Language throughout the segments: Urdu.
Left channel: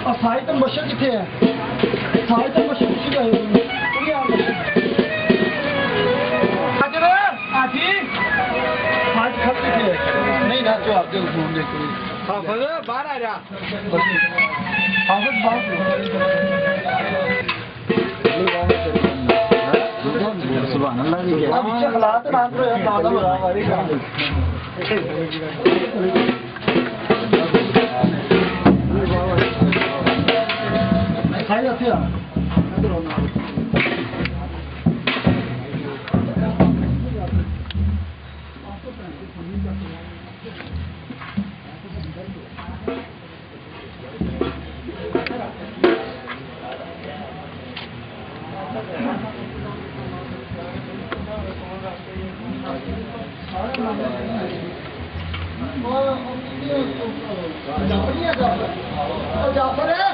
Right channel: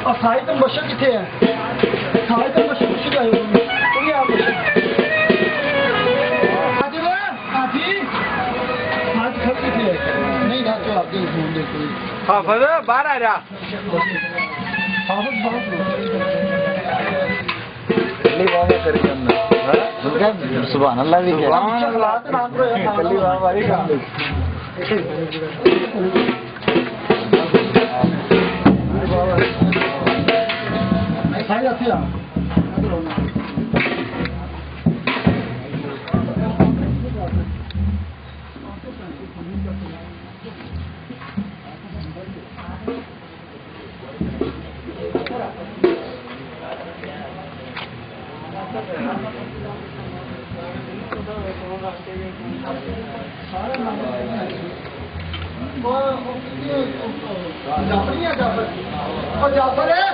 اور سائی تم بشر کتنے ہیں سائی تم بشر کسی کا ہے کوئی آپ بشر حاجر ہے آتی حاج خط کتنے ہے نہیں نہ جو آپ دے اس دے کوئی حافظ باہر آ رہا حافظ باہر سبحان اللہ بھی کیا خلاص نام رو ہے کلی راہ والی کام سائی آتی ہے جعفر ہے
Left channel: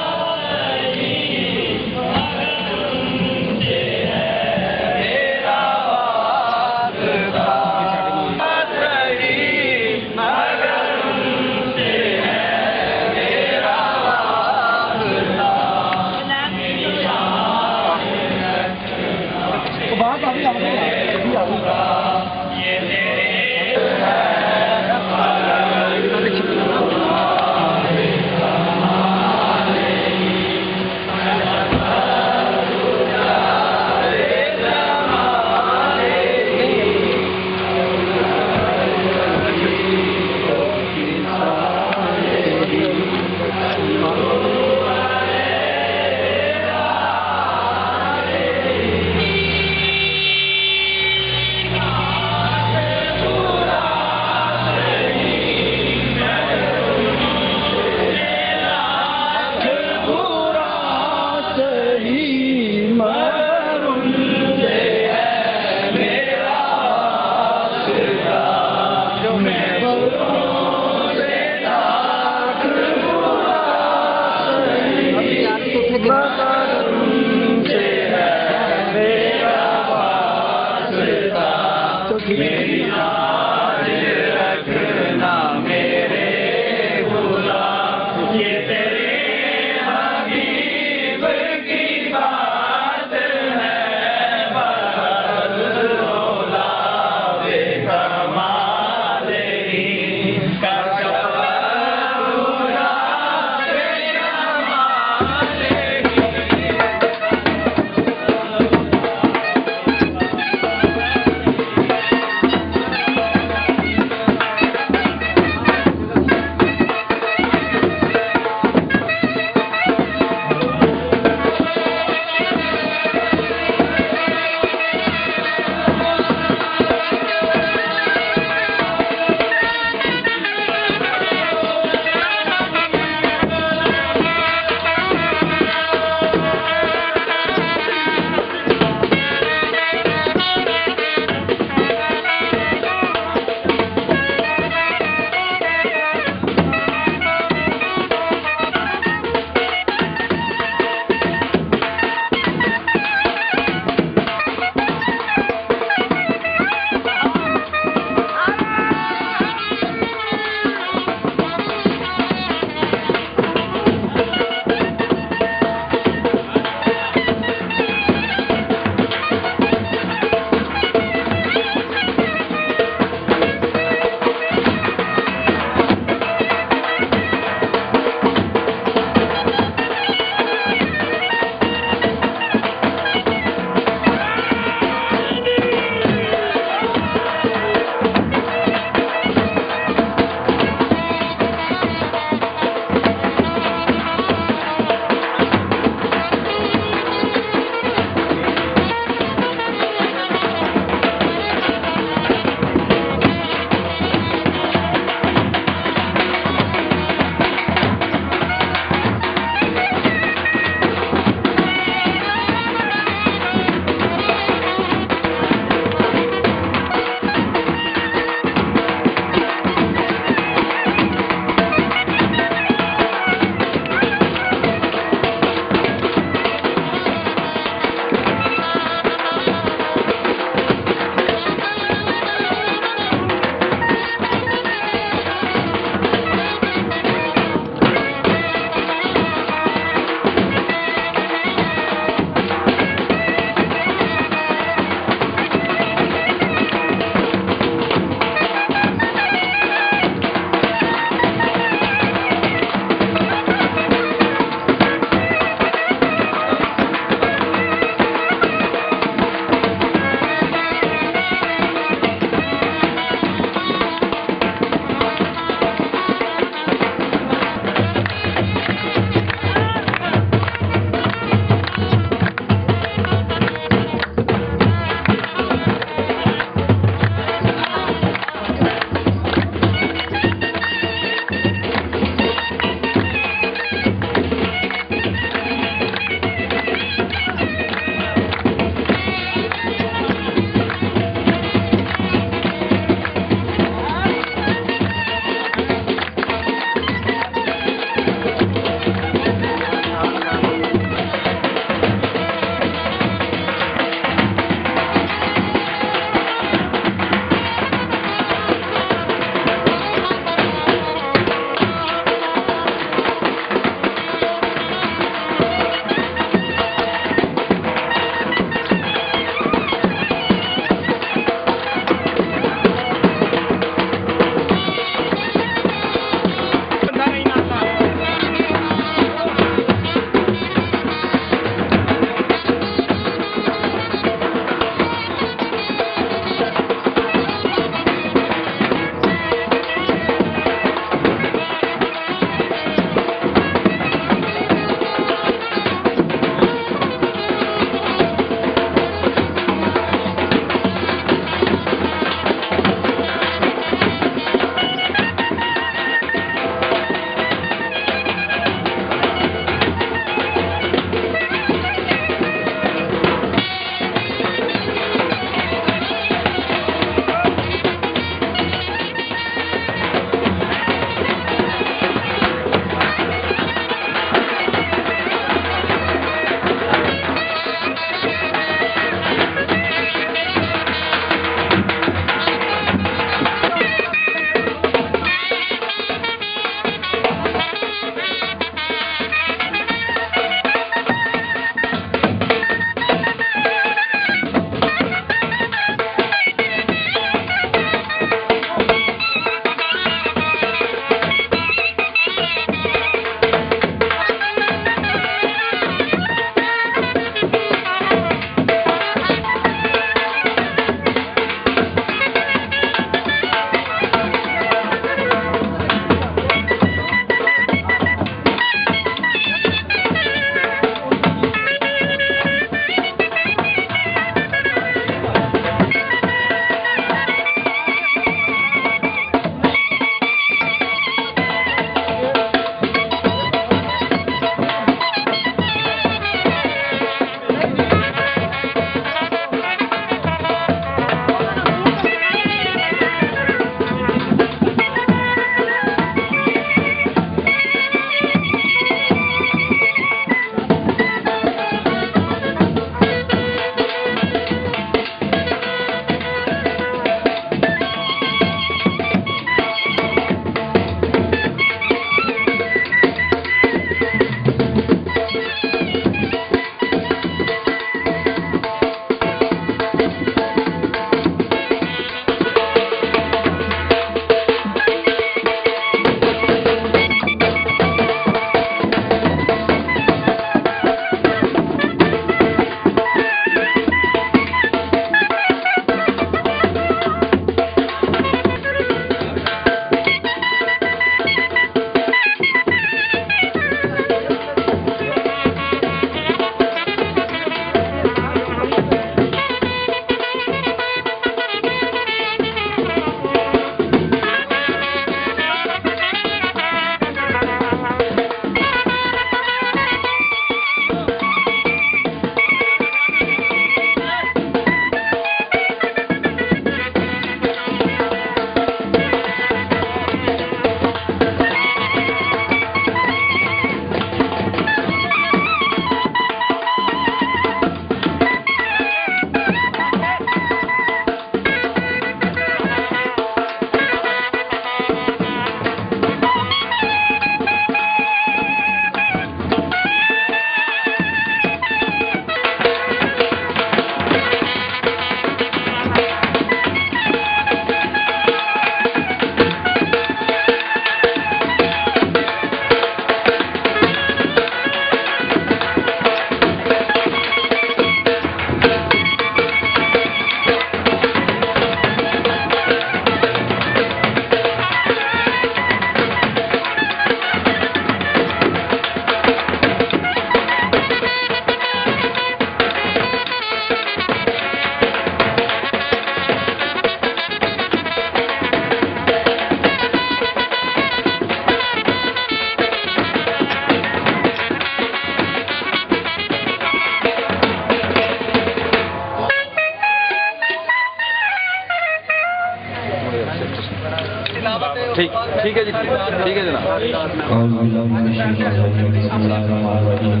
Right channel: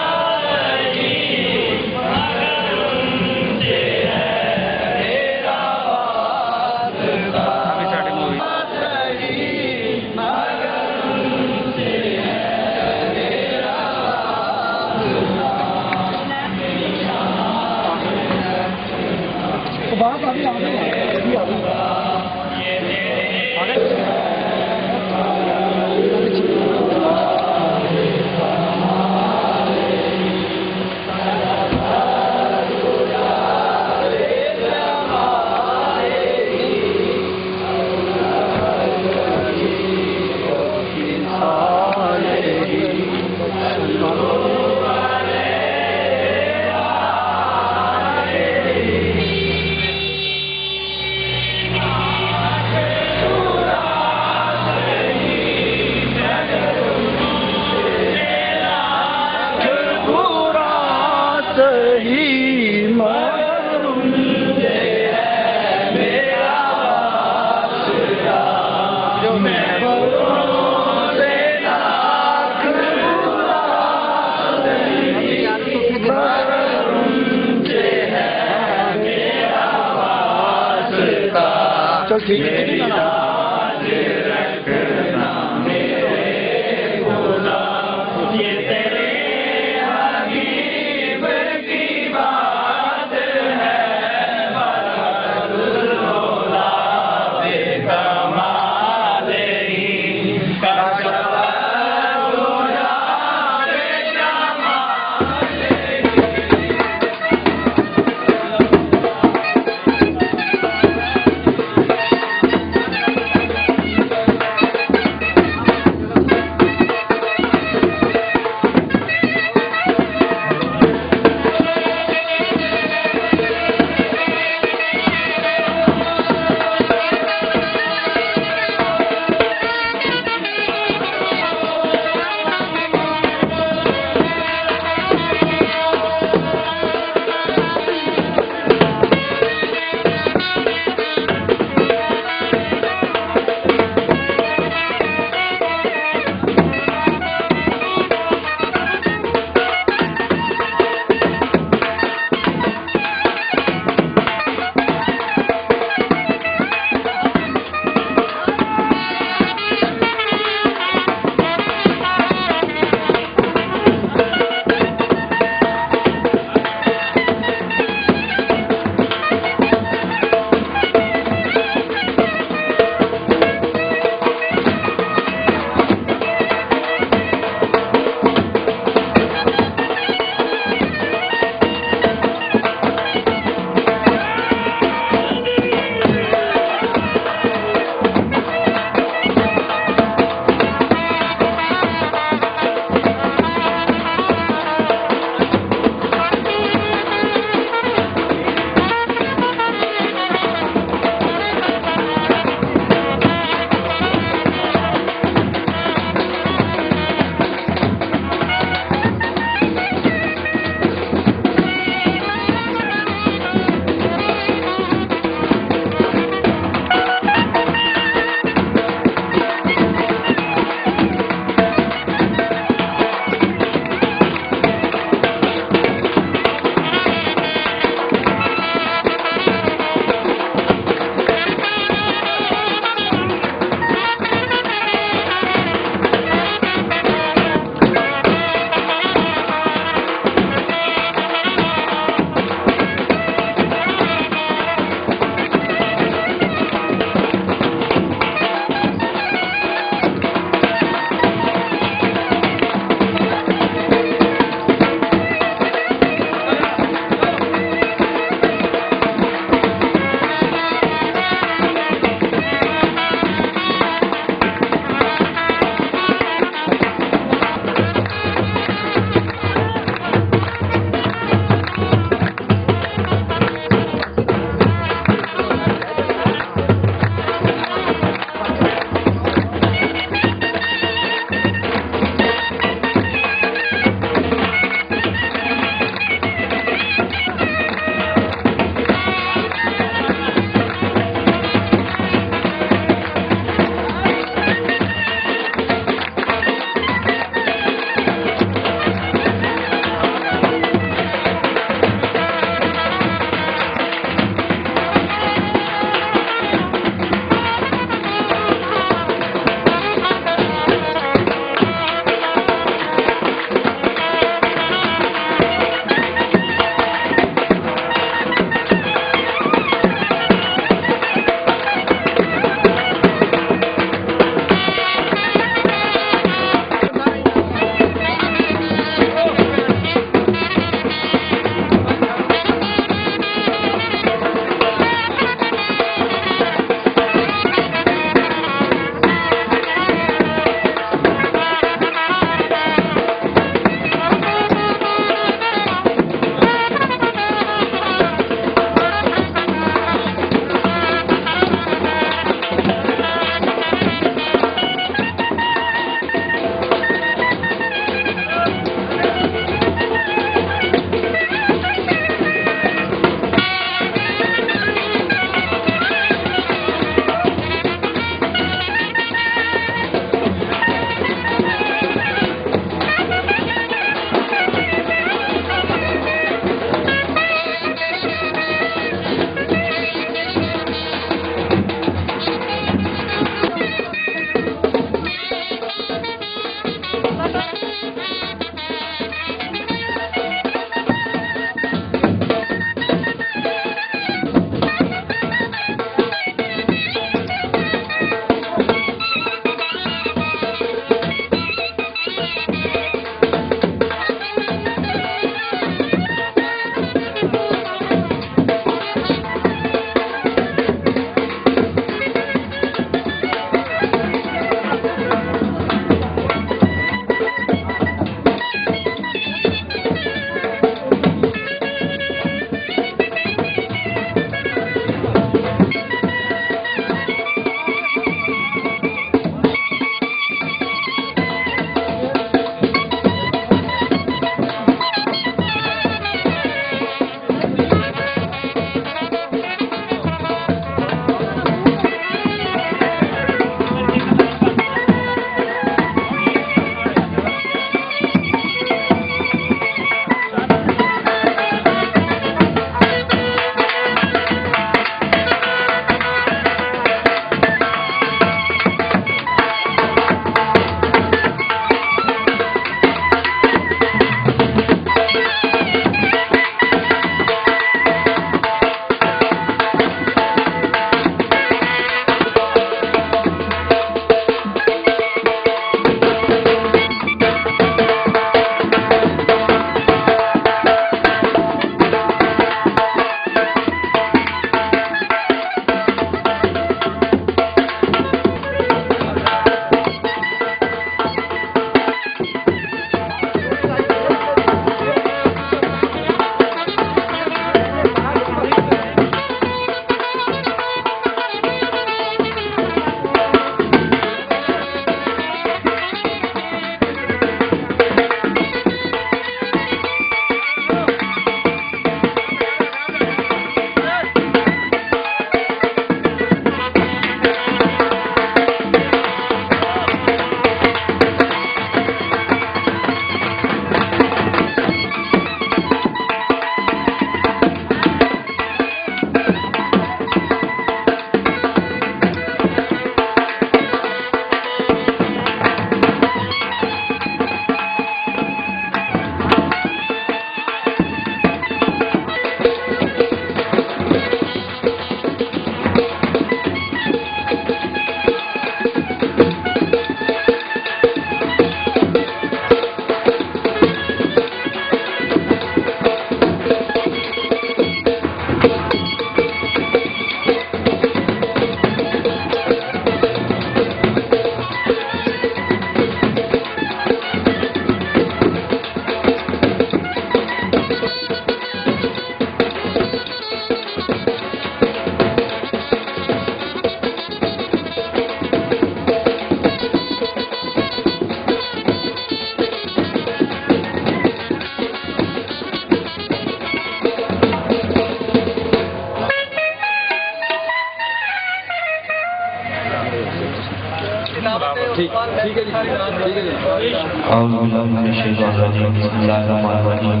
اعوذ باللہ من الشیطان الرجیم بسم اللہ الرحمن الرحیم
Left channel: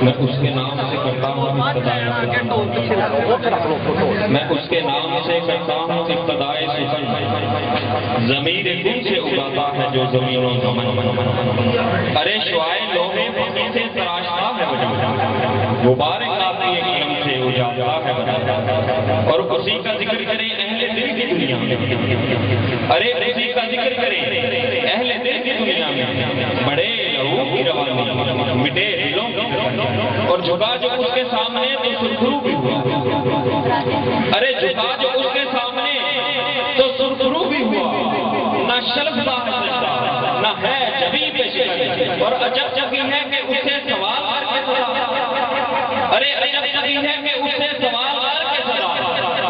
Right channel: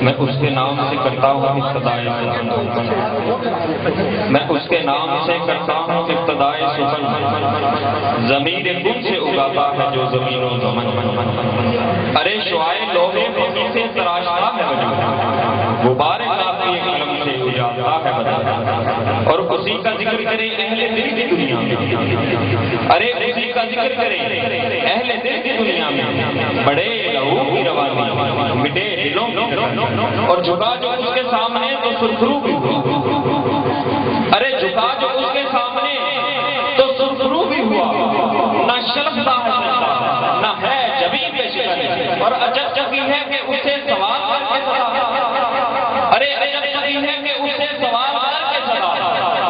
میں اس کے نام سے کرتا ہوں ابتدائے سخن میں اس کے نام سے کرتا ہوں ابتدائے سخن ضمیر کن سے اگاتا ہے جو زمین و زمن ارے شعائے لوہے سے تراشتا ہے وجود غبار کافی قلم سے اجاتا ہے بدن اور اسی کا ذکر کرے اہل دل کی دنیا میں ارے اسی کا ذکر کرے اہل دل کی دنیا میں بڑے لہو کی روانی مٹے دلوں اور جھکا جو اس کے سامنے تو سرخرو بھی ہوا ارے جھکا جو اس کے سامنے تو سرخرو بھی ہوا نہ شلفتا ہے نہ ہے جبی پہ شکر اور عجب چکی ہے کہ اسے سوال کر کے صدا ارے عجب چکی ہے کہ اسے سوال کر کے صدا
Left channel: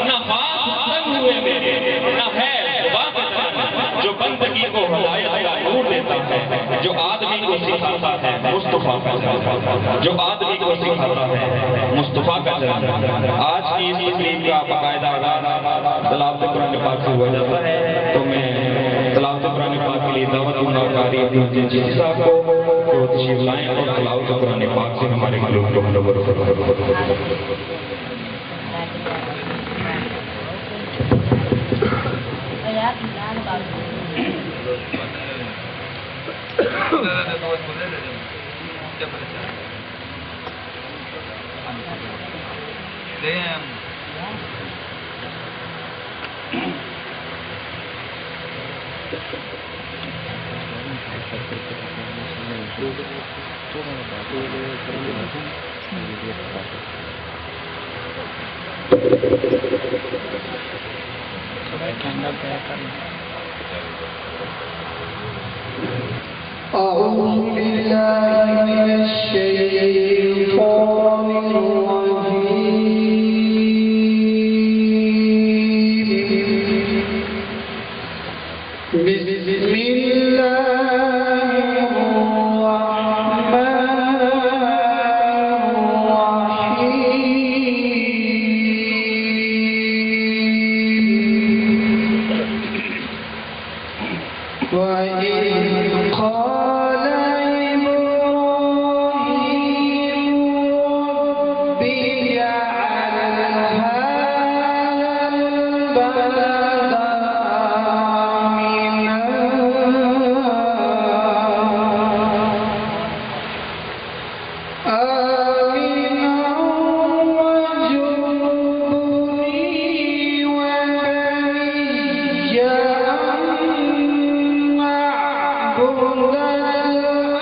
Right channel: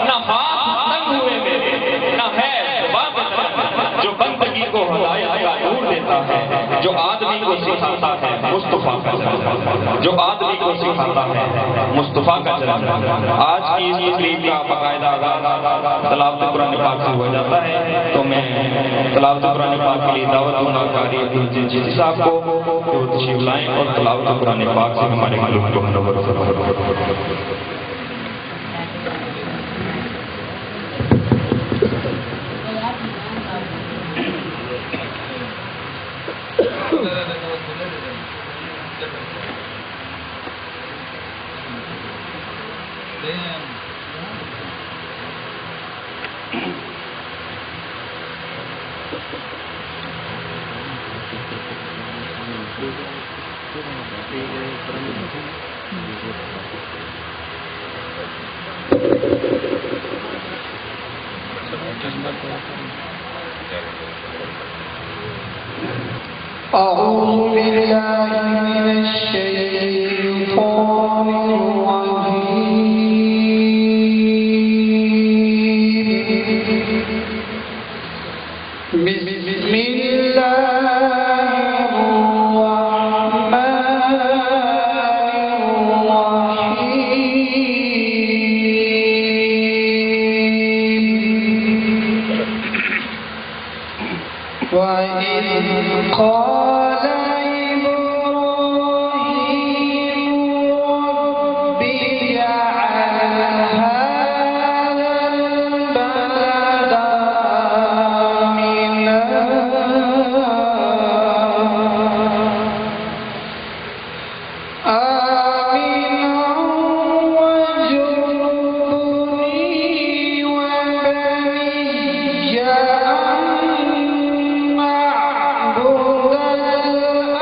نہ ہاتھ تنگ ہوئے میرے نہ ہے زبان جو بندگی کو ہدایت کا نور دیتا ہے جو آدمی کو سکھاتا ہے مصطفیٰ کا جو آدمی کو سکھاتا ہے مصطفیٰ کا چلن آج کی اس تقریب کا باقاعدہ آغاز تلاوت قرآن پاک سے ہوا جاتا ہے تو میں تلاوت قرآن پاک کے لیے دعوت دوں گا قاری عبدالجلیل جی صاحب کو تشریف لائیں اور تلاوت قرآن پاک سے ہمارے ملک کو منور أعوذ بالله من الشيطان الرجيم بسم الله الرحمن الرحيم وإذ قال إبراهيم رب اجعل هذا البلد آمنا واجنبني وبني أن نعبد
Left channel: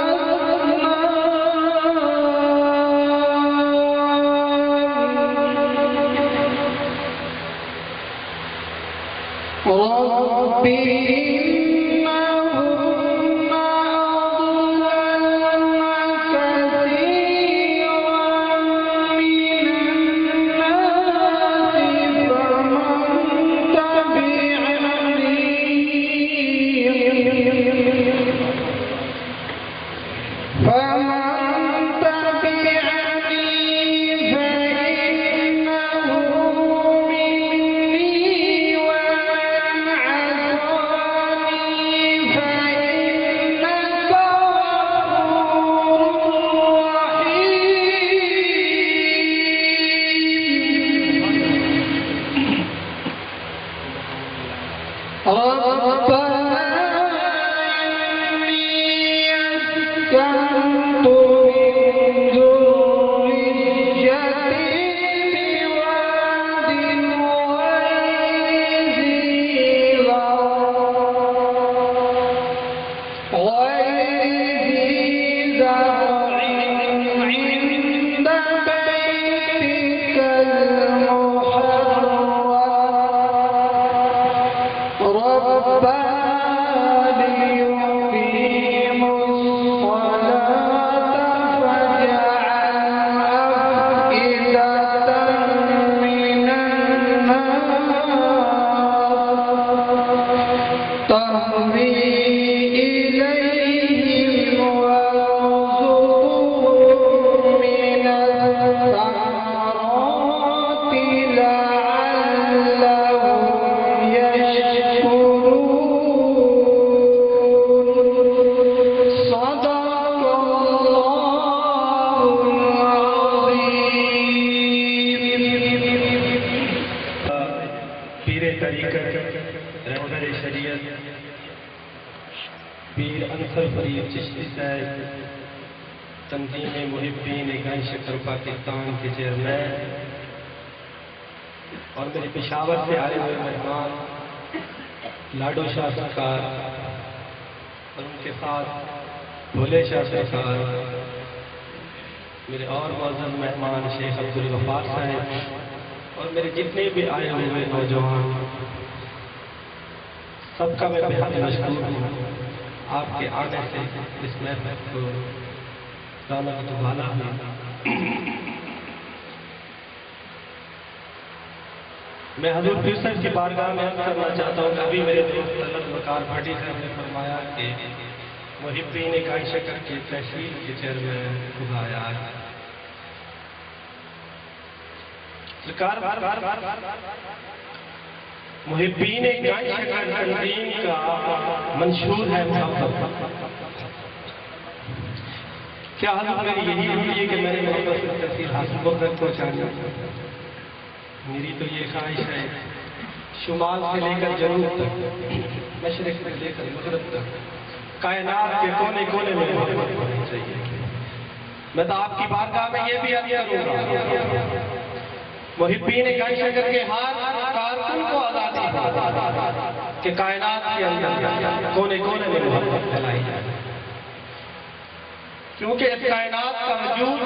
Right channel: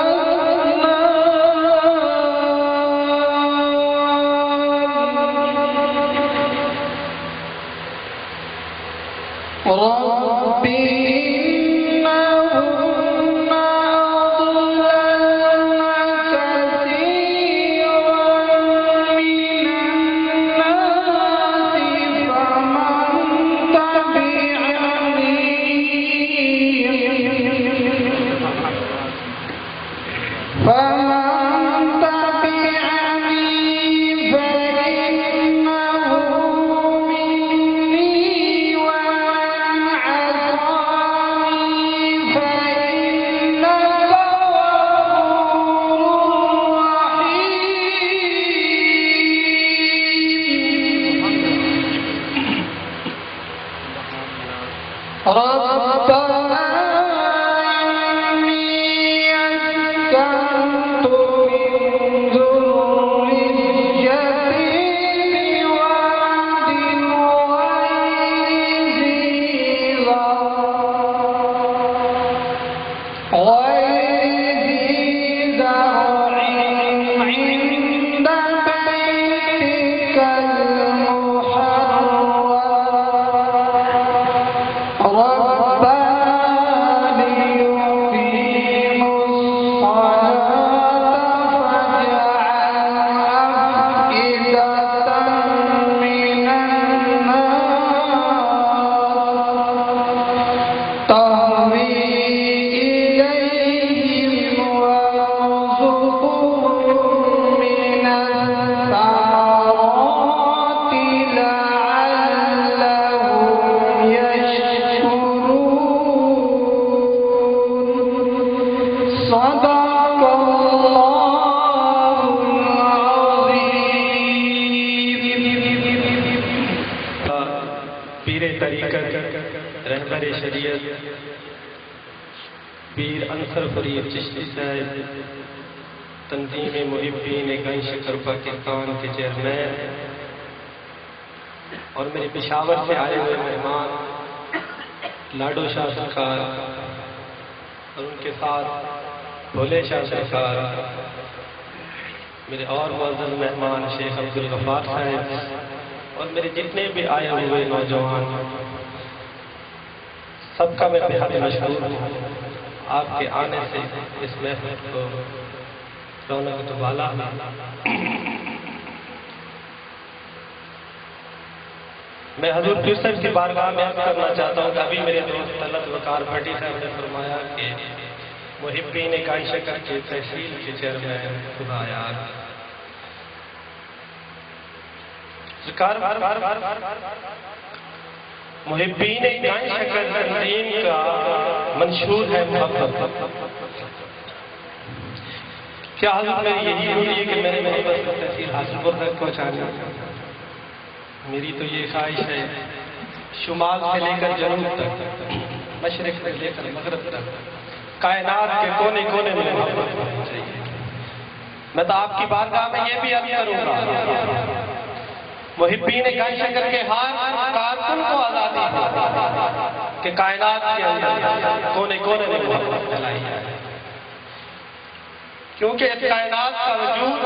پیر انصر فرید چشتی صاحب تنظیم محبین گنج شکر پاکستان کے چیئرمین اور میرے پشاور سے آئے ہوئے مہمان لاڈو شاہ سرکار اور ان کے ساتھ بھولے شاہ سرکار، میرے اور معزز مہمان شیخ عبدالغفار صاحب اور میرے جتنے بھی آئے ہوئے نوجوان، سب کا میں بہت مشکور ہوں۔ آپ کے آنے سے اس محفل کو رونق دوبالا ہے۔ میں حضور پیر صاحب کی بارگاہ میں عرض کرنا چاہتا ہوں کہ ابھی میرے دوست طلعت وقار بھٹی صاحب نے فرمایا کہ محبین گنج شکر کے تحصیل کے چیئرمین خدا یاد سرکار محبین گنج شکر تنظیم کا منشور ہے محبت۔ کیا حضرت میری یہی ہوئی ہے کہ میں نے محبت کی تحصیل حاصل تک پہنچانا؟ میری تو یہ خواہش ہے شمال سے لے کر جنوب تک، مشرق سے لے کر مغرب تک، کائنات کے کونے کونے میں محبت ہونی چاہیے۔ میں تو آپ کی بارگاہ میں یہ بھی عرض کروں گا، محبین گنج شکر کے ہاتھ کارکن کو آزادی دے کہ کائنات کے اندر کونے کونے میں محبت پھیلائی جائے، کیونکہ اس کائنات کا وجود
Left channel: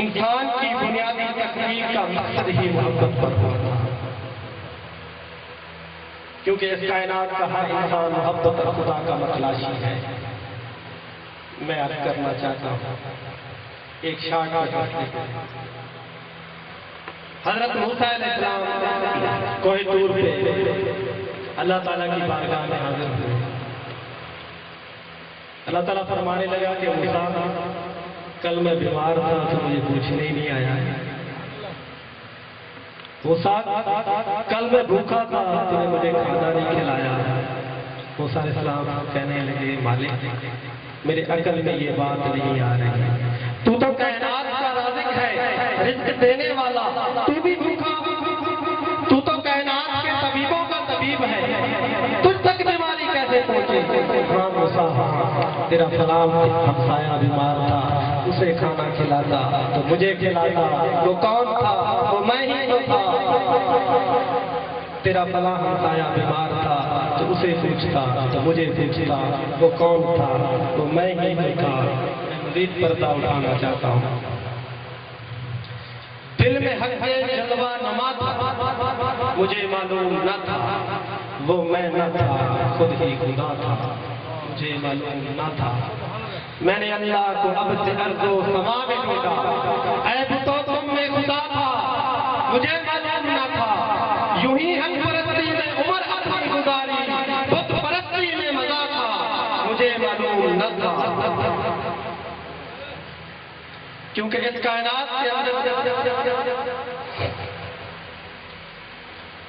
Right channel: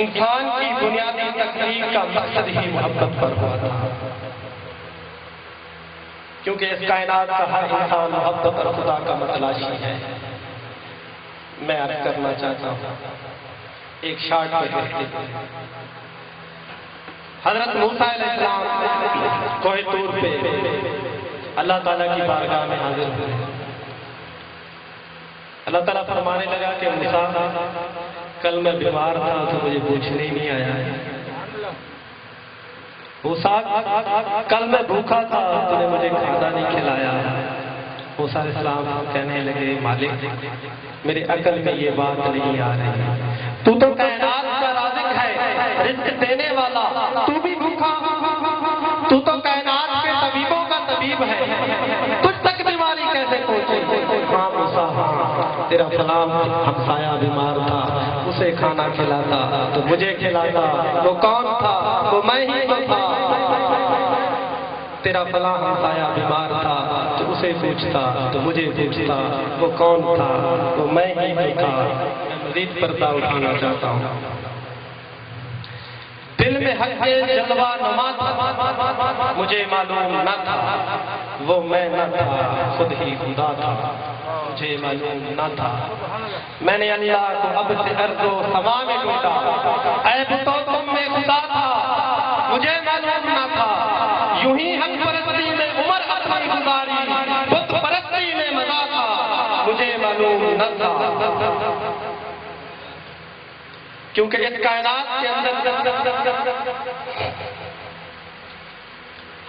انسان کی بنیادی تکمیل کا مقصد ہی محبت پر ہوا تھا، کیونکہ اس کائنات کا ہر انسان محبت اور خدا کا متلاشی ہے۔ میں عرض کرنا چاہتا ہوں ایک شارٹ پہ حضرت موسیٰ علیہ السلام کوہ طور پہ اللہ تعالیٰ کی بارگاہ میں حاضر ہوئے۔ اللہ تعالیٰ فرمانے لگا کہ موسیٰ کل میں بیمار تھا تو مجھے پوچھنے نہیں آیا ہے، موسیٰ کل میں بھوکا تھا تو نے مجھے کھانا نہیں کھلایا۔ موسیٰ علیہ السلام کہنے لگے مالک میرے عقل میں یہ بات نہیں آ رہی، تو کائنات کا رازق ہے، رزق دینے والا، تو بھی بھوکا، تو کائنات کے طبیبوں کا طبیب ہے، تجھ تک بیماری کیسے پہنچے؟ ہاں موسیٰ تیرا فلاں ہمسایہ بیمار تھا، اسے کھانا کھلاتا تو مجھے کھلاتا، وہ کون تھا؟ وہ میں ہی تو تھا۔ تیرا فلاں ہمسایہ بیمار تھا تو اسے پوچھتا تو مجھے پوچھتا، وہ کون تھا؟ وہ میں ہی تو تھا۔ میں مزید پردہ اٹھانا چاہتا ہوں، دل میں حق جلوہ نما تھا، مجھے معلوم نہ تھا وہ میں نہ تھا، خود ہی خدا تھا، مجھے معلوم نہ تھا۔ میں نے اللہ کو اب سے ارض و سما میں ڈھونڈا، عیب تو تم میں خدا تھا، مجھے معلوم نہ تھا۔ یوں ہی حق پرستی میں عمر اپنی گزاری، بت پرستی میں مزہ تھا، مجھے معلوم نہ تھا۔ کیونکہ اس کائنات کے اندر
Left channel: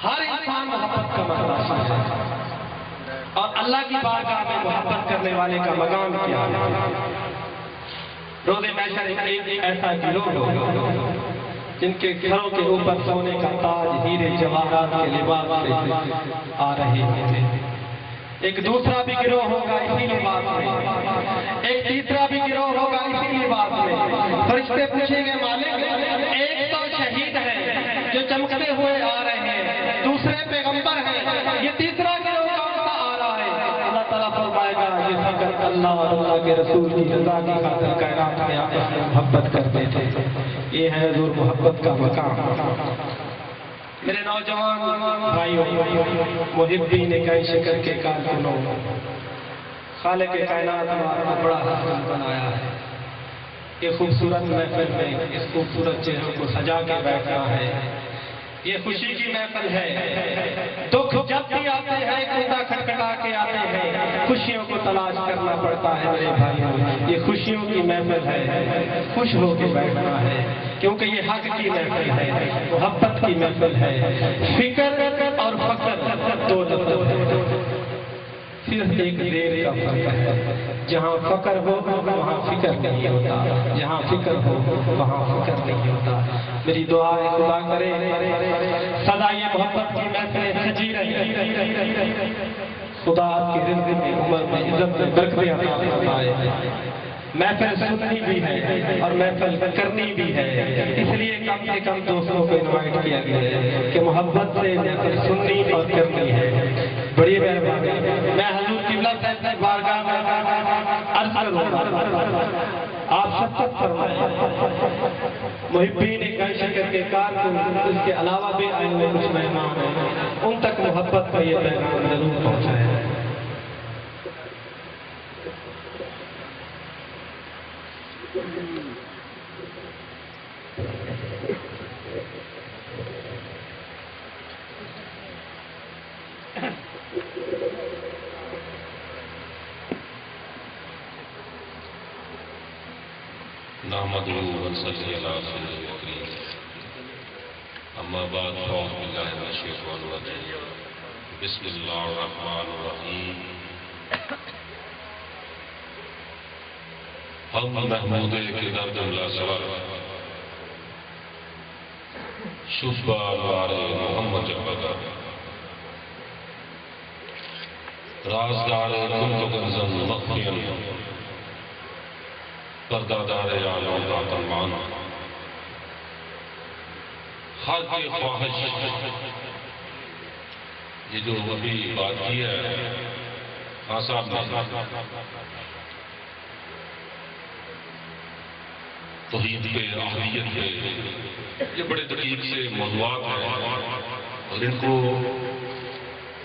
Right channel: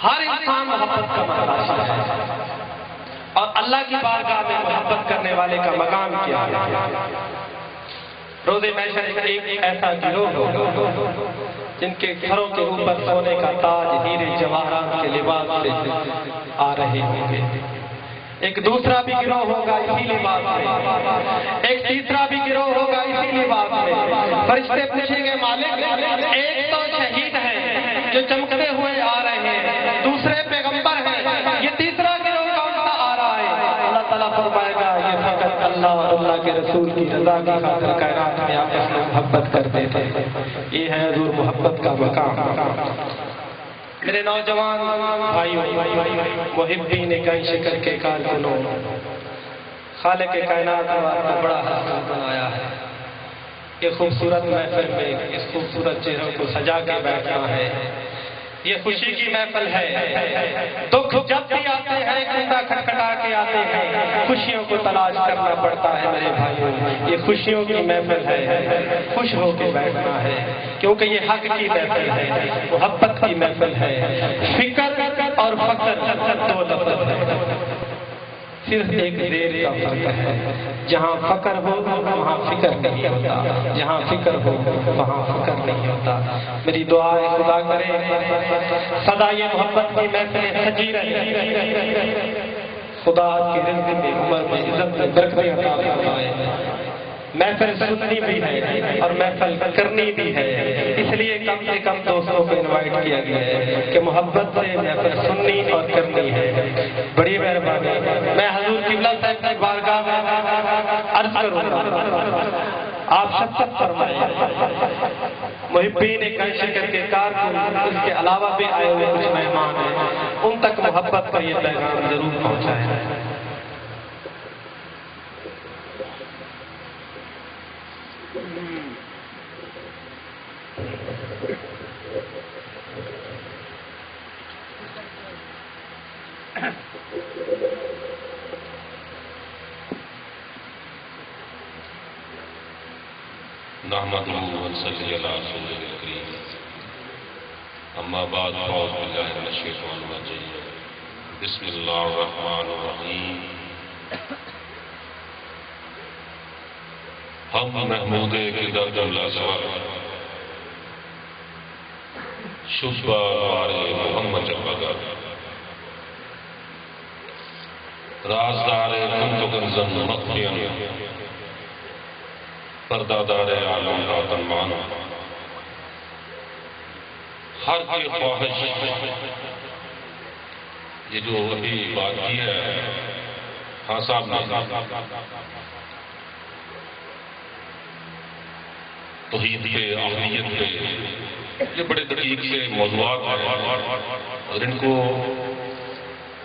ہر انسان محبت کا متلاشی ہے، اور اللہ کی بارگاہ میں محبت کرنے والے کا مقام کیا ہے؟ روز محشر ایک ایسا گروہ ہوگا جن کے گھروں کے اوپر سونے کا تاج ہیرے جواہرات کے لباس سے آ رہے ہوں گے، ایک دوسرا بھی گروہ ہوگا اسی لباس میں، ایک تیسرا بھی گروہ ہوگا اسی لباس میں۔ فرشتے پوچھیں گے مالک ایک تو شہید ہے جو چمکتے ہوئے آ رہے ہیں، دوسرے پیغمبر ہیں، یہ تیسرا گروہ کون سا آ رہا ہے؟ اللہ تعالیٰ فرمائے گا یہ فقط اللہ اور اللہ کے رسول کی رضا کی خاطر کائنات میں آپس میں محبت کرتے تھے۔ یہ ہے حضور محبت کا مقام۔ میرے نوجوان بھائی محبین گنج شکر کے کارکنوں، خالق کائنات نے آپ کو بڑا حسن بنایا ہے، یہ خوبصورت محفل میں اس خوبصورت چہروں کو سجا کے بیٹھا ہے، یہ خوشی کی محفل ہے۔ دکھ جب بھی آتے ہیں کنڈا کھٹکھٹا کے آتے ہیں، خوشیوں کو تلاش کرنا پڑتا ہے میرے بھائیوں، یہ خوشیوں کی محفل ہے، خوش ہو کے بیٹھنا ہے، کیونکہ یہ حق کی محفل ہے، محبت کی محفل ہے۔ فکر اور فقر دو لفظ ہے، صرف ایک زیر کا فرق ہے، جہاں فقر ہو وہاں فکر نہیں ہوتا، جہاں فکر ہو وہاں فکر نہیں ہوتا۔ میری دعا ہے خدا کرے سدا یہ محبت کی محفلیں سجی رہے، خدا کی رزق میں، عمر میں، عزت میں برکتیں عطا فرمائے۔ محفل سننی بھی ہے اور محفل کرنی بھی ہے، اس لیے کم سے کم دوستوں کو انوائٹ کیا گیا ہے کہ محبت سے محفل سننی اور کرنی ہے۔ بڑی مہربانی، میں حضور قبلہ صاحب کی بارگاہ میں عرض کروں گا، آپ شفقت فرمائیں، محبین شکر کے کارکن، اس کے علاوہ بھی آئے ہوئے کچھ مہمان ہیں، ان تک محبت کا یہ پیغام ضرور پہنچائیں۔ نحمده ونصلي على رسوله الكريم اما بعد فاعوذ بالله من الشيطان الرجيم بسم الله الرحمن الرحيم ہم محمود قدر جملہ سور شبہ بارے محمد جبگا رازدار کنت کنزن مخفین پردادار عالم کا تنمان ہر کی خواہش، یہ جو ابھی بات کی ہے خان صاحب نے توحید پہ، اہلیت پہ، یہ بڑے دقیق سے موضوعات ہیں اور ان کو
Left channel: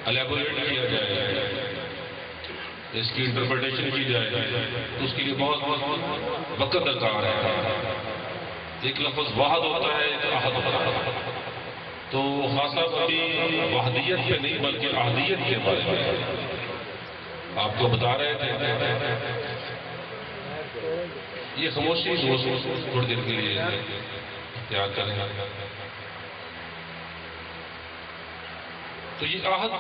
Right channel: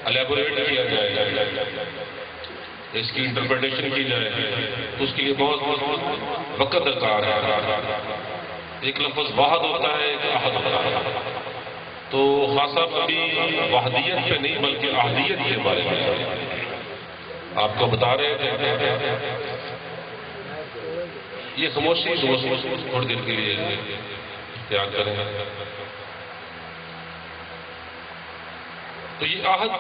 الیبوریٹ کیا جائے، اس کی انٹرپریٹیشن کی جائے تو اس کے لیے بہت وقت درکار ہے۔ ایک لفظ واحد ہوتا ہے، ایک احد ہوتا ہے، تو خاص صاحب ابھی وحدیت پہ نہیں بلکہ احدیت کے بارے میں آپ کو بتا رہے تھے۔ یہ خاموشی تھوڑی دیر کے لیے اختیار کریں۔ تو یہ احد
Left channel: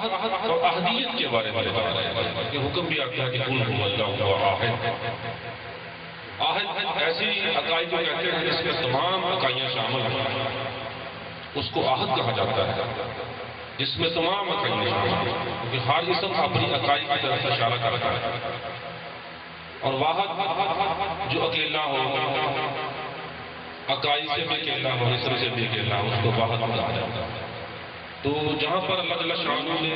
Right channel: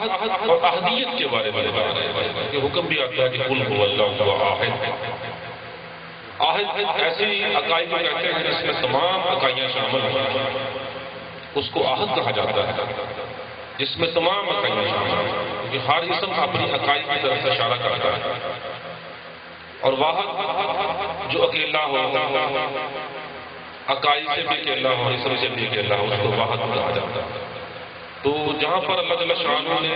اور احدیت کے بارے میں بتا رہے ہیں کہ حکم بھی آتا ہے کہ قل هو اللہ احد۔ احد ایسی عقائد کو کہتے ہیں جس میں تمام عقائیاں شامل ہیں، اس کو احد کہا جاتا ہے، جس میں تمام عقائیاں شامل ہیں، کیونکہ ہر اسم اپنی عقائد کی طرف اشارہ کرتا ہے۔ اور واحد جو اکیلا ہو، عقائد سے بھی اکیلا ہو، اسم سے بھی اکیلا ہو، اس کو واحد کہا جاتا ہے۔ تو جہاں پر اللہ جل شانہ نے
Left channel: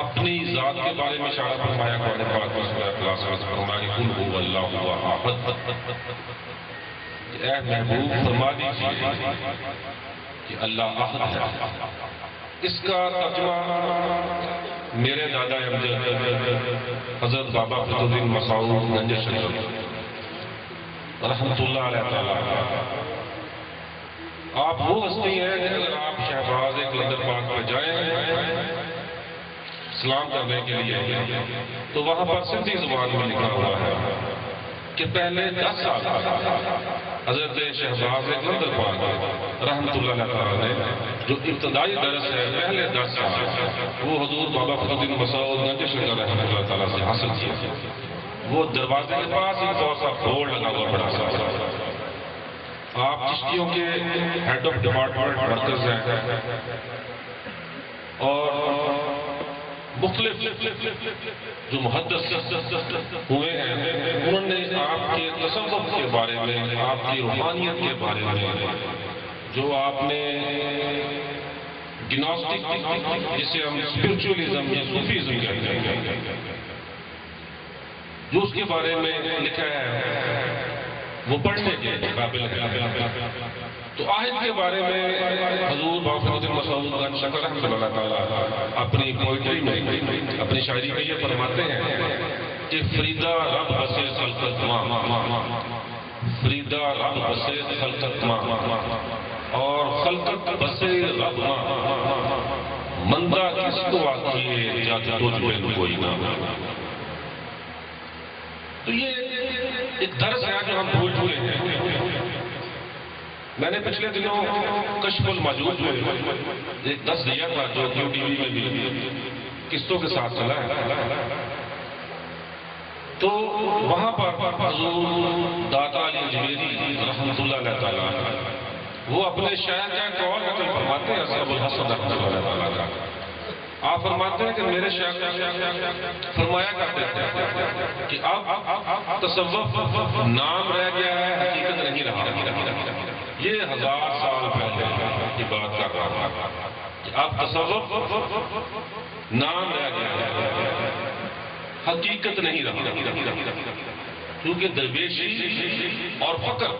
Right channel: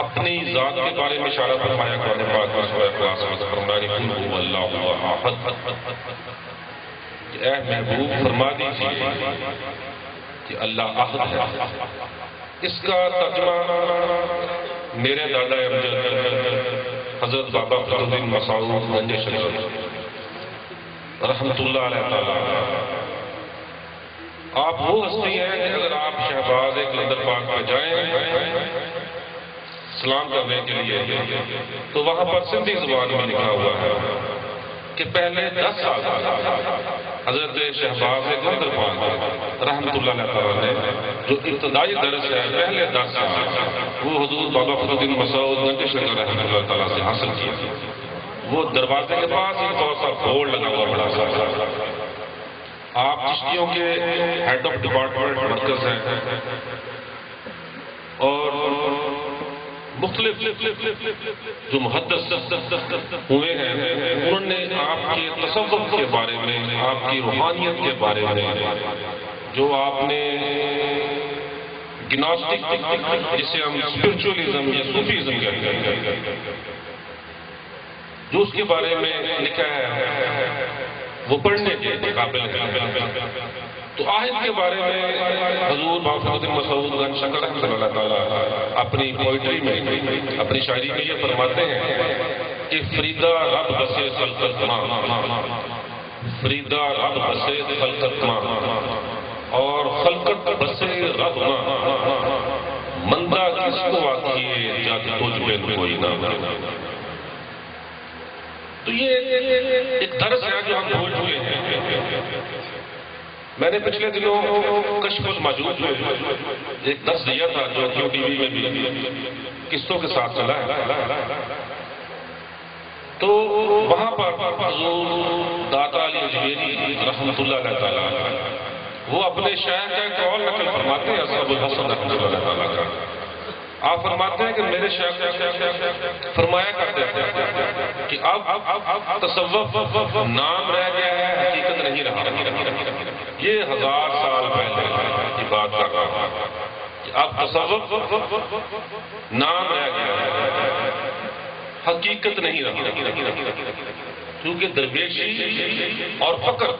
اپنی ذات کے بارے میں اشارہ فرمایا قرآن پاک میں سورہ اخلاص میں فرمایا کہ قل هو اللہ احد، اے محبوب فرما دیجیے کہ اللہ احد ہے۔ اس کا ترجمہ میرے دادا امجد حضرت بابا فضل الدین مسعود گنج شریف رحمۃ اللہ علیہ تعالی، آپ وہ ہستی ہیں کہ اگر آپ شہباز کلندر پاک پہ جائیں سلام کرنے کے لیے تو وہاں پر سندھی زبان میں لکھا ہوا ہے کہ پہلے 10 سال حضرت شہباز کلندر پاک رحمۃ اللہ تعالیٰ نے جو ابتدائی درس ہے پہلے 10 سال وہ حضور بابا فضل الدین مسعود گنج شریف رحمۃ اللہ تعالیٰ سے حاصل کیا۔ وہ دروازے کے پاس ایک بہت سا بورڈ لگا ہوا بڑا سا، آپ چشتیوں کے ہیڈ آف ڈپارٹمنٹ مرکز ہیں اور مختلف جو محدث ہوئے ہیں انہوں نے آپ کے تصوف کے بارے میں، آپ کی روحانیت کے بارے میں، جو آپ نے گناسٹک جسے ہم اسپرچولیزم یا صوفیزم کہتے ہیں، جو اس کے بارے میں لکھا ہے وہ پڑھنے کے قابل ہے۔ تو آہد کے بارے میں حضور بابا فضل الدین مسعود گنج شکر رحمۃ اللہ تعالیٰ اپنی پوئٹری میں، اپنی شاعری میں یہ فرماتے ہیں کہ فریدہ رب بسے خلقت ماں، فریدہ رب بسے خلقت ماں، اور خلقت بسے رب ماں، مندہ کس کو آکھیے جات تجھ پہ کوئی نہ۔ تو یہ ایک درس ہے جو ہم بھول چکے ہیں۔ میں نے پچھلے دنوں کشف الموجود میں ایک درس دیا تھا جو کیو ٹی وی میں بھی قصوں کے ساتھ چلا ہے، تو وہاں پر حضور داتا علی اجمیری رحمۃ اللہ علیہ تعالیٰ وہ اپنے شیخ کا قول نقل فرماتے ہیں اصحاب الحسن رحمۃ اللہ تعالیٰ کا آپ فرماتے ہیں کہ میرے شیخ فرمایا کرتے تھے کہ اب تصوف نام رہ گیا ہے، حقیقت نہیں رہا۔ یہ 1000 سال پہلے کی بات کر رہا ہوں کہ اب تصوف نام رہ گیا ہے، حقیقت نہیں رہا، کیونکہ درویشی اور فقر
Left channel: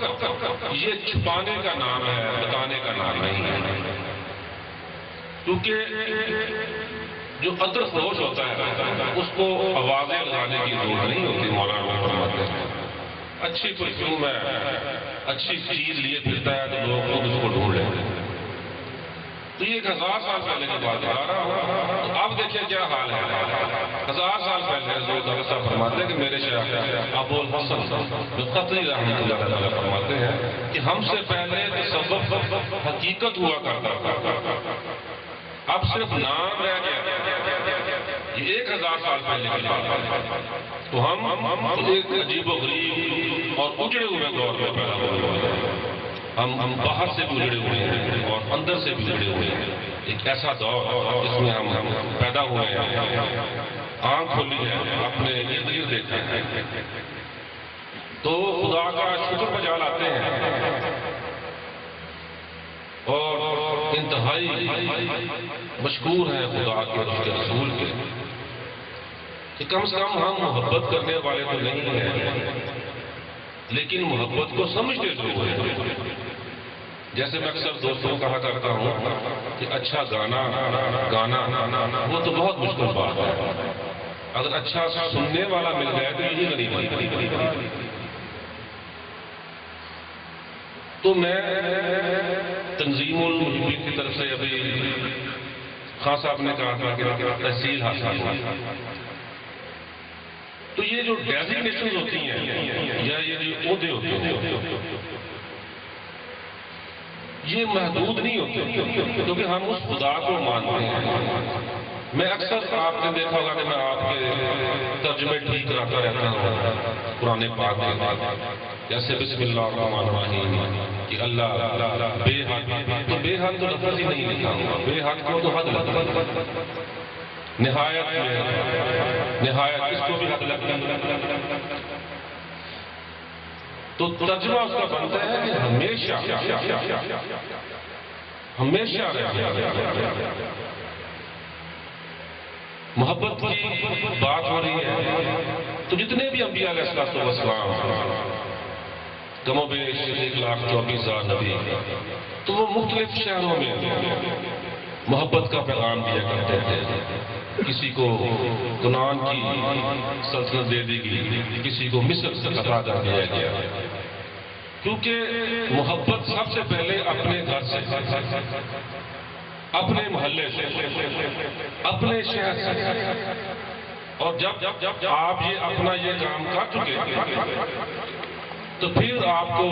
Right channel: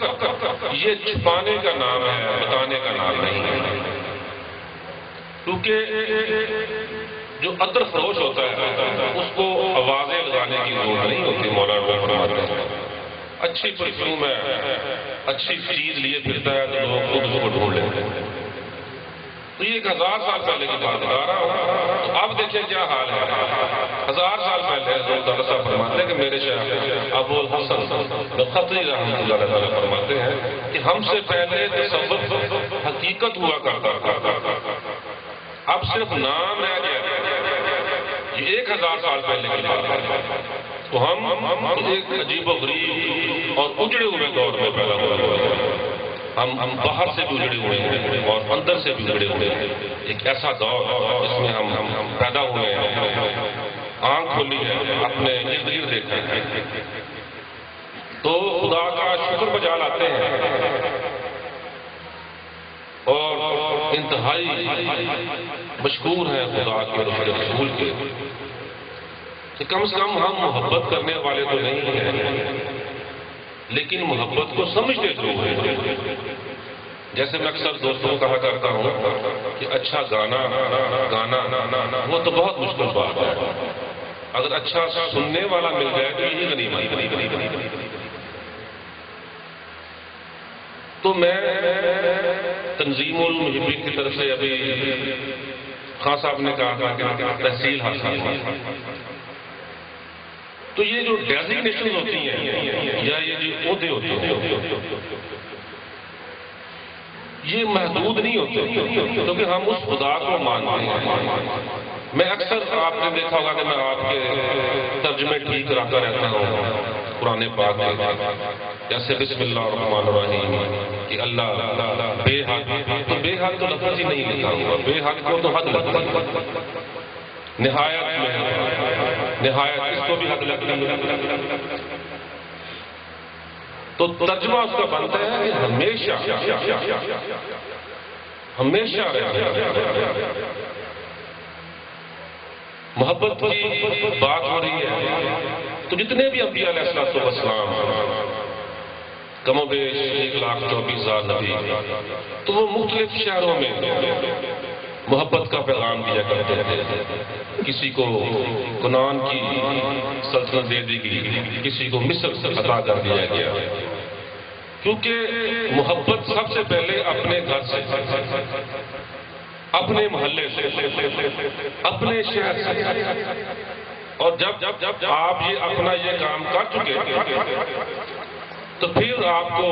یہ چھپانے کا نام ہے، بتانے کا نام نہیں ہے۔ کیونکہ جو عطر فروش ہوتا ہے اس کو آوازیں لگانے کی ضرورت نہیں ہوتی۔ مولانا فرماتے ہیں اچھی پرفیوم ہے، اچھی چیز لیے پھرتا ہے تو لوگ خود اس کو ڈھونڈ لیتے ہیں۔ تو یہ 1000 سال پہلے کی بات بتا رہا ہوں۔ تو اب دیکھیں کیا حال ہے۔ 1000 سال پہلے حضرت اللہ صاحب فرماتے ہیں کہ میرے شیخ ابو الحسن خطری رحمۃ اللہ تعالیٰ فرماتے ہیں کہ ہم سے پہلے تصوف حقیقت ہوا کرتا تھا، اب صرف نام رہ گیا۔ یہ 1000 سال پہلے کی بات ہے۔ تو ہم ایک عجیب و غریب اور اجڑے ہوئے دور میں پیدا ہوئے ہیں۔ ہم باہر سے بھی اجڑے ہوئے ہیں اور اندر سے بھی اجڑے ہوئے ہیں۔ ایک ایسا دور جس میں ہم پیدا ہوئے ہیں، آنکھ کھولی ہے، اپنے ارد گرد دیکھا ہے تو خدا کا شکر بجا لاتے ہیں اور انتہائی مشکور ہیں خدا کے اور اس کے رسول کے کہ کم سے کم ہم محبت کرنے والے تو نہیں ہیں لیکن محبت کو سمجھتے ضرور ہیں۔ جیسے میں اکثر دوستوں کو کہا کرتا ہوں کہ اچھا گانا وہ تو بہت مشکل بات ہے، اگر اچھا سننے والا مل جائے تو یہی غنیمت۔ تو میں تنظیم المحبین کی طرف سے ابھی خان صاحب نے کہا تھا کہ تحصیل حاصل ہوئی، تو یہ جو ڈیزگنیشن ہوتی ہیں یا یہ جو عہدے ہوتے ہیں یہ محدود نہیں ہوتے کیونکہ ہم اس خدا کو مانتے ہیں۔ میں اکثر آپ نے دیکھا ہوگا کہ میں آپ کے ترجمے ٹھیک کراتا رہتا ہوں قرآن پاک کے، جیسے بسم اللہ الرحمن الرحیم کہ اللہ بے حد، تو بے حد تو لفظ ہی نہیں لکھا ہوا، بے حد کو تو حد لگتا ہے، نہایت میں نہایت اس کو بھی حد لگتا ہے۔ تو ترجمہ اس کا بنتا ہے کہ ہمیشہ رہے۔ محبت کی بات ہو رہی ہے تو جتنے بھی انبیاء علیہ السلام کم و بیش 1,24,000 نبی، تو وہ مختلف شہروں میں محبت کا پیغام دیا کرتے تھے۔ کسی کو کنعان کی سلطنت دے دی گئی، کسی کو مصر سے عطا کر دیا گیا، کیونکہ محبت سب سے پہلے اپنے گھر سے، اپنے محلے سے، اپنے شہر سے، اور جب آپ یہ اپنا یہ کام کر چکے تو پھر آپ کو،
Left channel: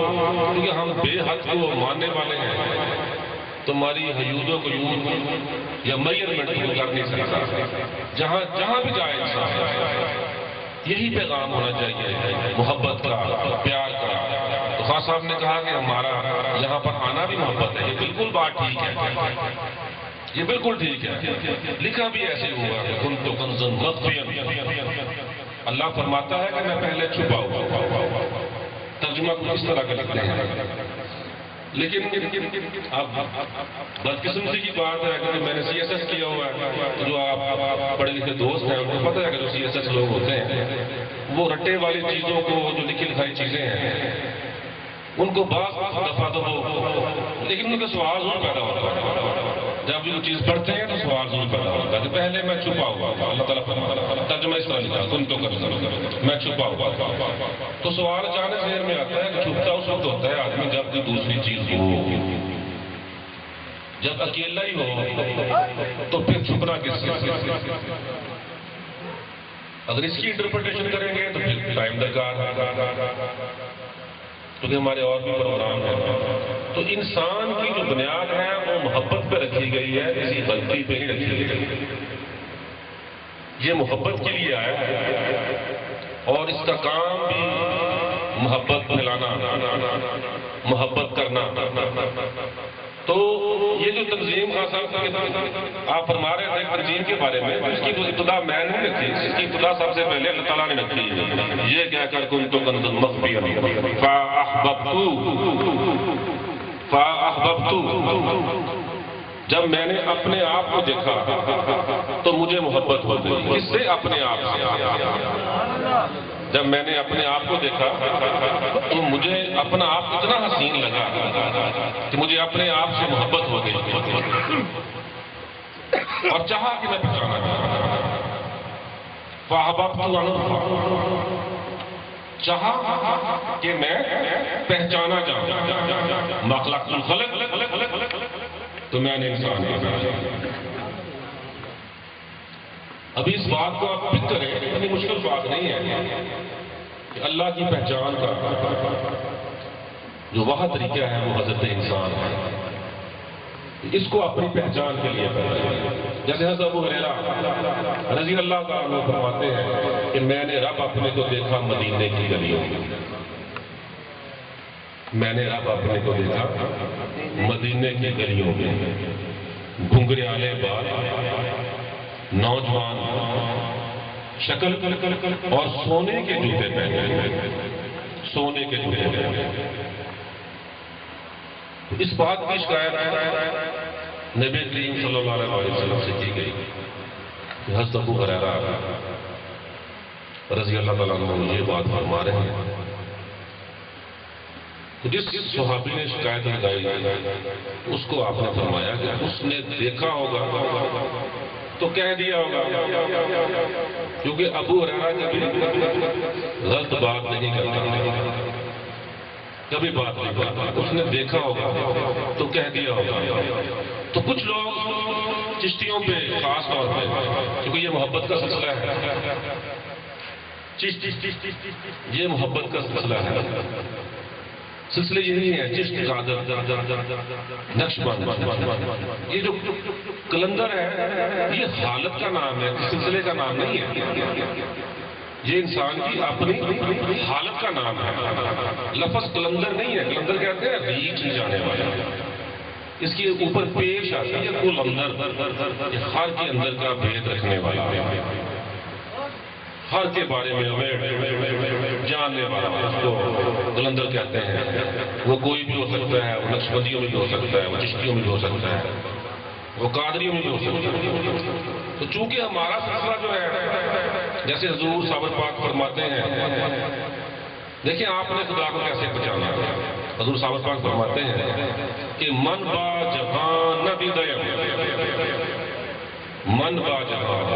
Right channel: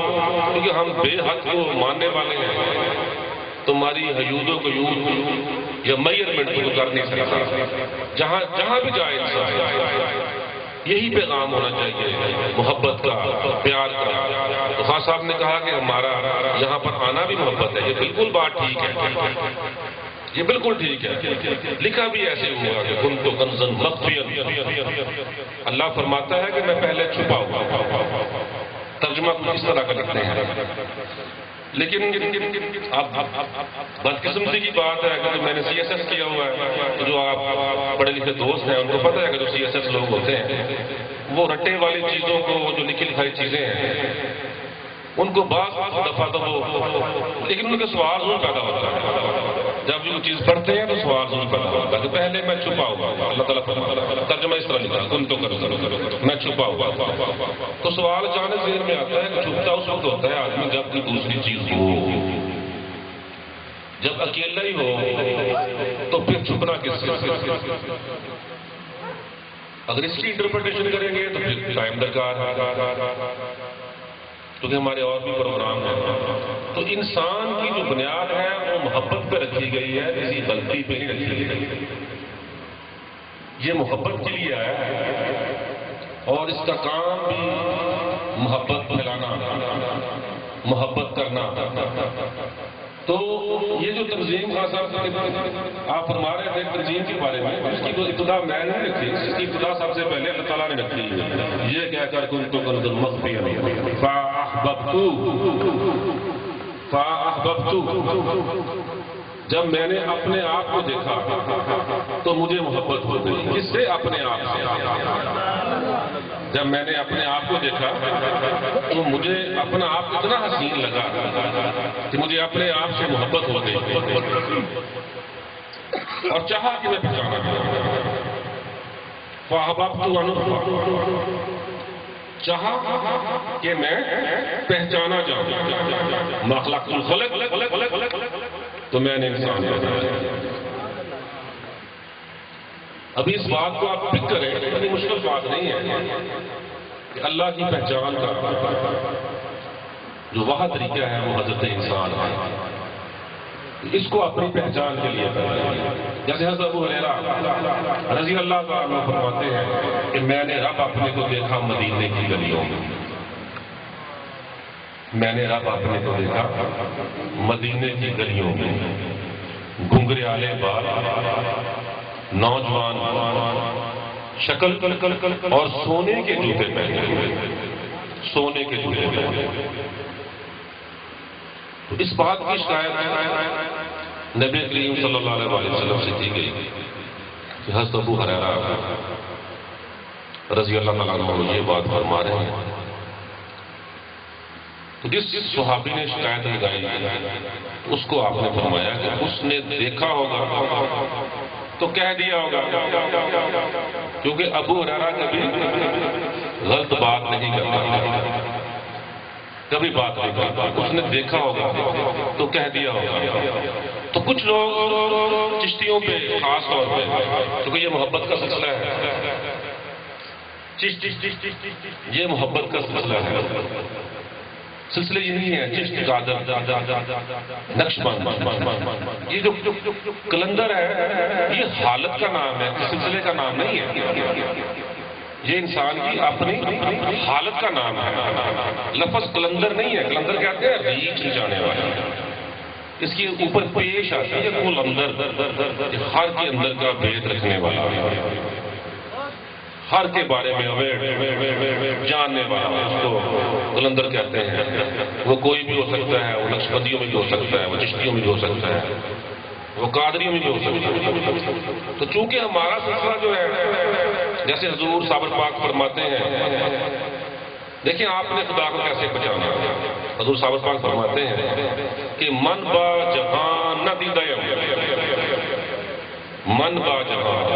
کیونکہ ہم بے حد کو ماننے والے ہیں تو ہماری حیود و قیود یا میئرمنٹ کو کر نہیں سکتا۔ جہاں بھی جائے یہی پیغام ہونا چاہیے، محبت کا، پیار کا۔ تو خان صاحب نے کہا کہ ہمارا یہاں پر آنا بھی محبت ہے، یہ بالکل بات ٹھیک ہے، یہ بالکل ٹھیک ہے۔ لکھا بھی ایسے ہوا کہ کن تو کنزن مخفیا، اللہ فرماتا ہے کہ میں پہلے چھپا ہوا۔ ترجمہ اس طرح کا لکھتے ہیں، لیکن اب بدقسمتی کی بات ہے کہ میں نے سی ایس ایس کیا ہوا ہے، جو آپ پڑھے لکھے دوست ہیں ان کو پتہ ہے کہ جو سی ایس ایس لوگ ہوتے ہیں وہ رٹے والی چیزوں کو، جو لکھی لکھائی چیزیں ہیں ان کو بعض دفعہ تو وہ، لیکن ان کے سوال ضرور پیدا ہوتا ہے جب وہ چیز پڑھتے ہیں، تو سوال ضرور پیدا ہوتا ہے کہ پہلے میں چھپا ہوا تھا۔ اللہ تعالیٰ ترجمہ اس طرح لکھا، تم تو کرو میں چھپا ہوا تھا۔ تو سوال جانے ذہن میں آتا ہے کہ چھپتا اس وقت ہوتا ہے آدمی جب کوئی دوسری چیز ہو، جب اکیلا ہی ہو تو پھر چھپنا کس سے؟ اگر اس کی انٹرپریٹیشن کریں گے تو پھر ٹائم درکار ہے، کیونکہ ہمارے اور بھی پروگرام ہیں۔ تو انسان کی جو بنیاد ہے وہ محبت پہ رکھی گئی ہے، کسی غلطی پہ نہیں رکھی گئی۔ یہ محبت کے لیے آیا ہے اور اس کا کام بھی محبت پھیلانا، محبت کرنا، تو یہ جو تنظیم خاص آپ فرما رہے تھے تنظیم کے بارے میں، اس کی ابتدا میں نے رکھی، اس کی ابتدا سب سے پہلے اللہ تعالیٰ نے رکھی ہے، یہ کہہ کر کنت کنزا مخفیا فاحببت، جب میں نے اپنے آپ کو دیکھا تو مجھے محبت ہو گئی۔ کس سے؟ اپنے آپ سے۔ جب میں نے اپنے آپ کو دیکھا تو مجھے اپنا آپ اتنا حسین لگا کہ مجھے اپنے آپ سے محبت ہو گئی اور چاہا کہ میں پہچانا چاہوں، چاہا کہ میں پہچانا جاؤں، مخلوق الخلق تو میں نے انسان ابھی اس بات کو آپ فکر کریں، اتنی مشکل بات نہیں ہے کہ اللہ کی پہچان کا جو واحد طریقہ ہے وہ حضرت انسان ہے، اس کو اپنی پہچان کے لیے کرنا۔ جیسے حضرت ابو ہریرہ رضی اللہ تعالیٰ عنہ فرماتے ہیں کہ میں نے رب اپنے کو دیکھا مدینے کی گلیوں میں، میں نے رب اپنے کو دیکھا مدینے کی گلیوں میں، گھنگریالے بال، نوجوان شکل اور سونے کے جوتے پہنے ہوئے، سونے کے جوتے پہنے ہوئے۔ اس بات کی شکایت نبی کریم صلی اللہ علیہ وسلم سے کی گئی کہ حضرت ابو ہریرہ رضی اللہ تعالیٰ عنہ یہ بات فرما رہے ہیں۔ تو جس صحابی نے شکایت لگائی اس کو آپ نے فرمایا کہ اس نے دیکھا ہوگا تو کہہ دیا ہوگا، کیونکہ ابو ہریرہ کبھی غلط بات نہیں کرتا، کبھی بات نہیں کرتا، اس نے دیکھا ہوگا تو کہہ دیا ہوگا۔ تو کچھ لوگ چشتیوں پہ خاص طور پہ، کیونکہ یہ محبت کا سلسلہ ہے، یہ محبت کا سلسلہ ہے، سلسلے یہی ہے، چشت قادر نقشبند، یہ جو کلندر ہے یہ حالت کا نام ہے، سلسلے کا نام نہیں ہے، یہ انسان کی اپنی حالت کا نام ہے۔ لفظ کلندر نہیں ہے، کلندر کہتے ہیں ریچھ جانے والا، اس کی اوپر پیش آتا ہے کل اندر، ہر کے اندر کا بھید رکھنے والا، ہر کے بارے میں جاننے والا، اس کو کلندر کہتے ہیں۔ وہ کوئی بھی ہو سکتا ہے، وہ نقشبندیوں میں بھی ہو سکتا ہے، وہ چشتیوں میں بھی ہو سکتا ہے، وہ قادریوں میں بھی ہو سکتا ہے۔ تو چونکہ ہمارا سلسلہ جو ہے، جیسے حضور صابر پاک فرماتے ہیں، دیکھیں آپ نے خدا کو کیسے پہچانا ہے۔ حضور صابر پاک فرماتے ہیں کہ من با جہان نہ دیدہ من با جہان،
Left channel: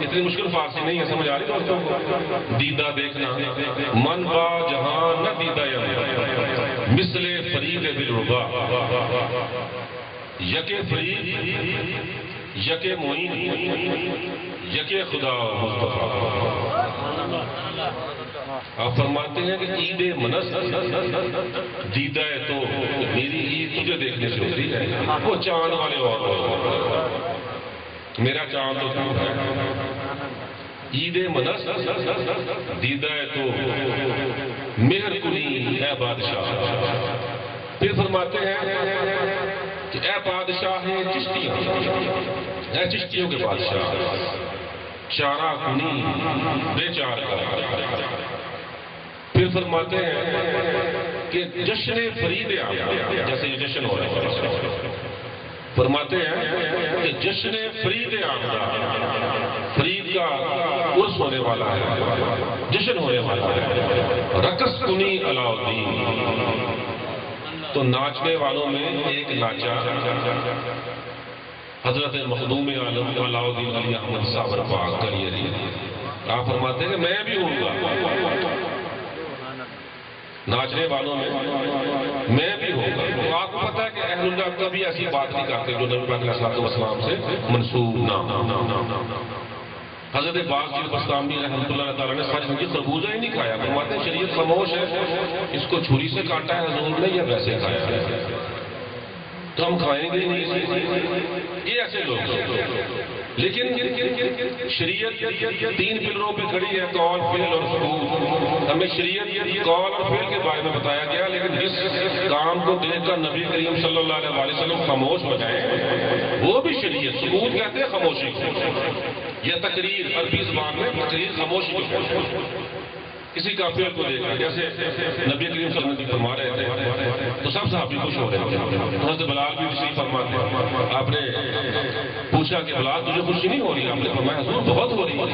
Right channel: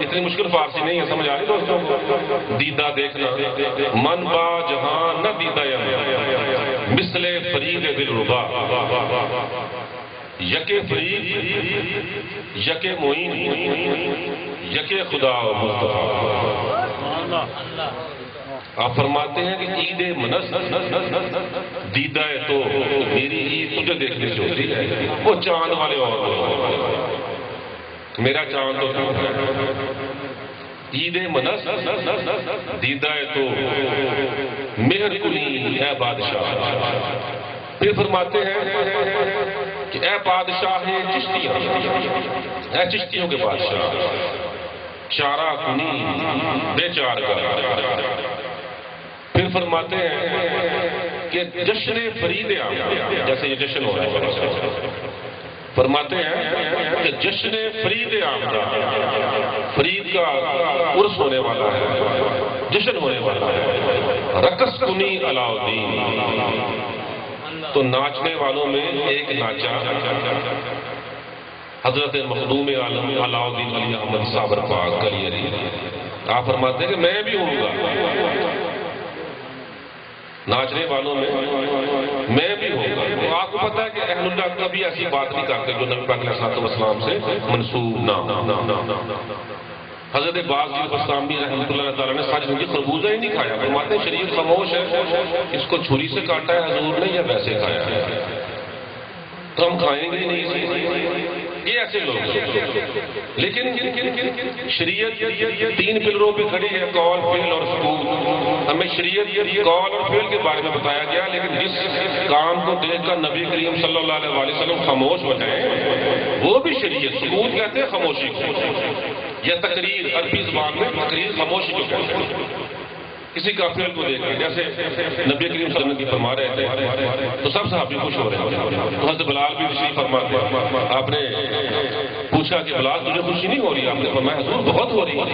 اتنی مشکل فارسی نہیں ہے، سمجھ آ رہی دوستوں کو؟ دیدہ دیکھنا، من با جہان نہ دیدہ مثل فرید دلربا، یکے فرید یکے معین یکے خدا و مصطفیٰ۔ آپ فرماتے ہیں کہ عید منس دیدہ ہے تو میری عید تجھے دیکھنے سے ہوتی ہے، وہ چاند والے اور لوگ، میرا چاند تو تو ہے۔ عید منس دیدہ ہے تو مہر کنی اے بادشاہ، پھر فرماتے ہیں کہ اے بادشاہ چشتیاں، اے چشتیوں کے بادشاہ، چارہ کنی بے چار کا، پھر فرماتے ہیں کہ جشن فرید آمد، جیسے یہ جشن ہو رہا ہے، فرماتے ہیں کہ جشن فرید آمد، فرید کا عرس ہونے والا ہے، جشن ہونے والا ہے، رقص کنی علاء الدین، تو ناچنے والوں میں ایک ناچا حضرت مخدوم عالم علاء الدین علی احمد صابر پاک کلیری۔ آپ فرماتے ہیں کہ میں بھی ہوں گا ناچنے والوں میں بھی ہوں گا۔ تو آپ کو پتا ہے کہ اہل اللہ کبھی ایسی بات نہیں کرتے جو نبی پاک علیہ السلام سے منسوب نہ۔ حضرت باز جی بستامی رحمۃ اللہ تعالیٰ نے سچ میں خربوزہ ہی نہیں کھایا، فرماتے ہیں شریعت خاموش ہے، اس کو چھری سے کاٹا ہے حضور نے یا ویسے کھایا ہے؟ تو ہم کھائیں گے نہیں. یہ ایسے لوگ. لیکن شریعت 3 پلروں پہ کھڑی ہے، قول، فعل اور ثبوت. ہمیں شریعت قول اور فعل کے بارے میں بتایا گیا، لیکن جس کام کو دیکھ کر نبی کریم صلی اللہ علیہ وسلم خاموش ہو جائیں وہ بھی شریعت. ثبوت کہتے ہیں خاموشی کو، یا تقریر، عربی زبان میں تقریر خاموشی کو کہتے ہیں. کسی کافر کو دیکھ کر، جیسے نبی کریم صلی اللہ علیہ وسلم فرما رہے تھے تو سب صحابی خوش ہو رہے تھے. تو حضرت بلال بھی تشریف فرماتے ہیں. آپ نے پوچھا کہ بلال تجھے خوشی نہیں ہو رہی؟ آپ نے فرمایا حضور بہت ہو رہی ہے.